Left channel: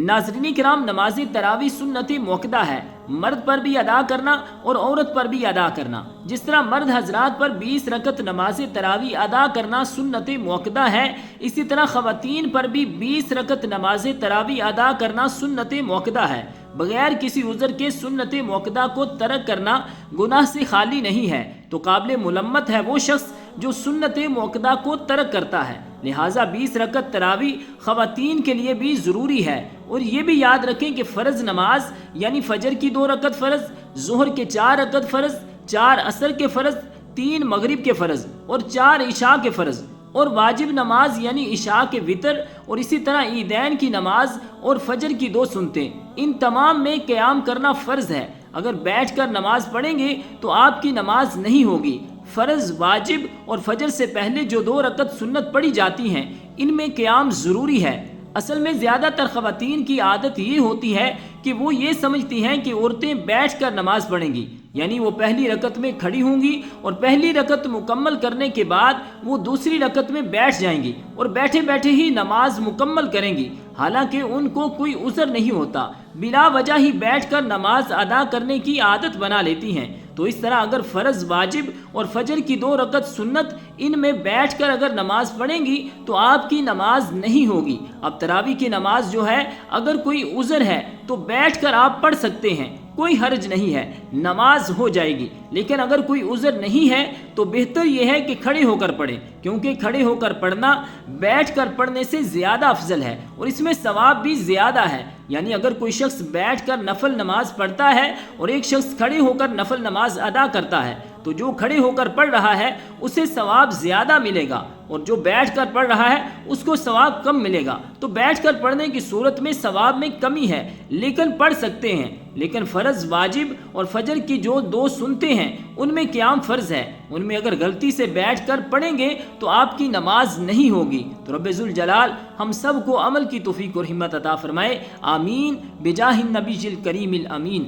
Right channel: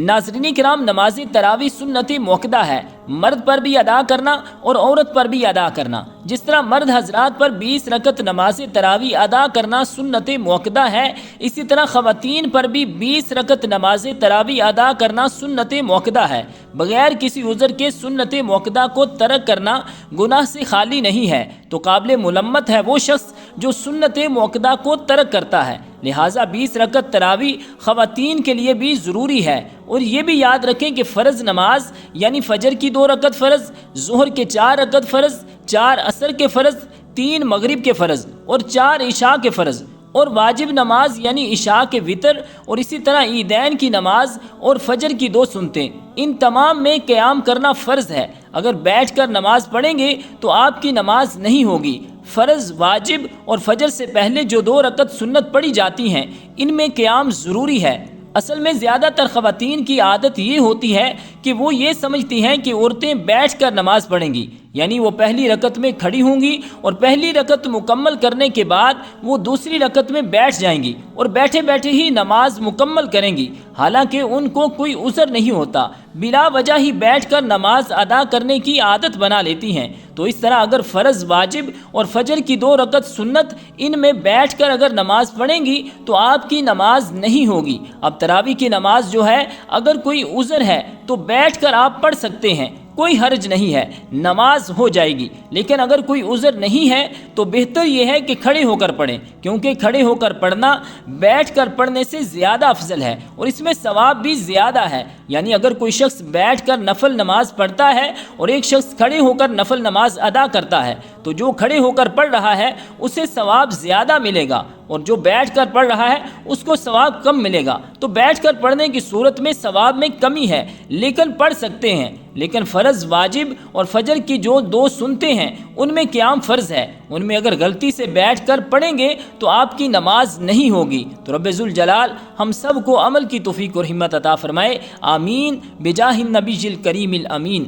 नाज़रीन किराम, नमाज़ी तरावी सुन्नत मुअक्कदा है, मर्द पर भी अदा करना और औरत पर भी अदा करना। जिस तरह मर्द हजरात पर 20 रकत नमाज तरावी अदा करना सुन्नत मुअक्कदा है, इसी तरह ख़वातीन पर भी 20 रकत नमाज तरावी अदा करना सुन्नत मुअक्कदा है। बगैर किसी उज़र के सुन्नत मुअक्कदा को तर्क करना गुनाह से खाली नहीं है, तो काबिल मुलम्मत है वो शख्स जो सुन्नत मुअक्कदा को तर्क करता है। लिहाजा 20 रकत तरावी ख़वातीन के लिए भी ज़रूरी है। और ये भी याद रखें कि फ़र्ज़ नमाज यानी फ़जर की 2 रकत फ़र्ज़, ज़ुहर के 4 रकत फ़र्ज़, 4 असर के फ़र्ज़, 3 मगरिब के फ़र्ज़ और 4 इशा के फ़र्ज़, और वाजिब नमाज यानी इशा के वितर, और इसी तरह ईदैन की नमाज और फजर की 2 सुन्नतें, इन तमाम में क़याम करना फ़र्ज़ है। अगर बैठ कर नमाज पढ़ेंगे तो आपकी नमाज नहीं होगी। फ़र्ज़, वाजिब और फजर से पहले जो 2 रकत सुन्नत पढ़ी जाती हैं, इनमें क़याम ज़रूरी है। असल में ज़्यादातर ख़वातीन की आदत ये होती है कि वो ये समझती हैं कि औरतें बैठ कर नमाज पढ़ेंगी, यानी वो पहली रकत में खड़ी होंगी और पहली रकत मुकम्मल करने के बाद वो दूसरी रकत में बैठ जाएंगी और बैठे बैठे ही नमाज मुकम्मल करेंगी। हालांकि उनको कोई उज़र नहीं होता, बिला वजह ही बैठकर नमाज अदा करने की आदत बना लेती हैं। तो इस तरह अगर फ़र्ज़, वाजिब और फजर की 2 रकत सुन्नत, इनमें बैठकर अगर नमाज पढ़ेंगी तो आपकी नमाज नहीं होगी। अब तरावी की नमाज जो है, अगर कोई उज़र है तो बैठकर आप पढ़ सकते हैं, कोई हर्ज नहीं है, नमाज हो जाएगी। लेकिन अगर कोई उज़र नहीं है तो बेहतर यह है कि खड़े होकर पढ़ें, क्योंकि खड़े होकर पढ़ना बैठकर पढ़ने से ज़्यादा अफजल है और इसमें सवाब भी ज़्यादा है। यानी अगर कोई शख्स बैठकर नफल नमाज पढ़ता है और एक शख्स खड़े होकर नफल नमाज अदा करता है, तो जो खड़े होकर पढ़ रहा है उसे सवाब ज़्यादा मिलेगा और जो बैठकर पढ़ रहा है उसको सवाब कम मिलेगा। तो बैठकर पढ़ने की सूरत में सवाब में कमी है, लेकिन पढ़ सकते हैं। लेकिन फ़र्ज़, वाजिब और फजर की जो 2 सुन्नतें हैं, उनमें क़याम फ़र्ज़ है, उनमें अगर गलती से बैठकर पढ़ेंगे तो आपकी नमाज नहीं होगी। तो रब्बे ज़ुल जलाल हम सब को अमल की तौफ़ीक़ और हिम्मत अता फ़रमाए। आमीन बिजाहिन नबीजिल करीमिल अमीन।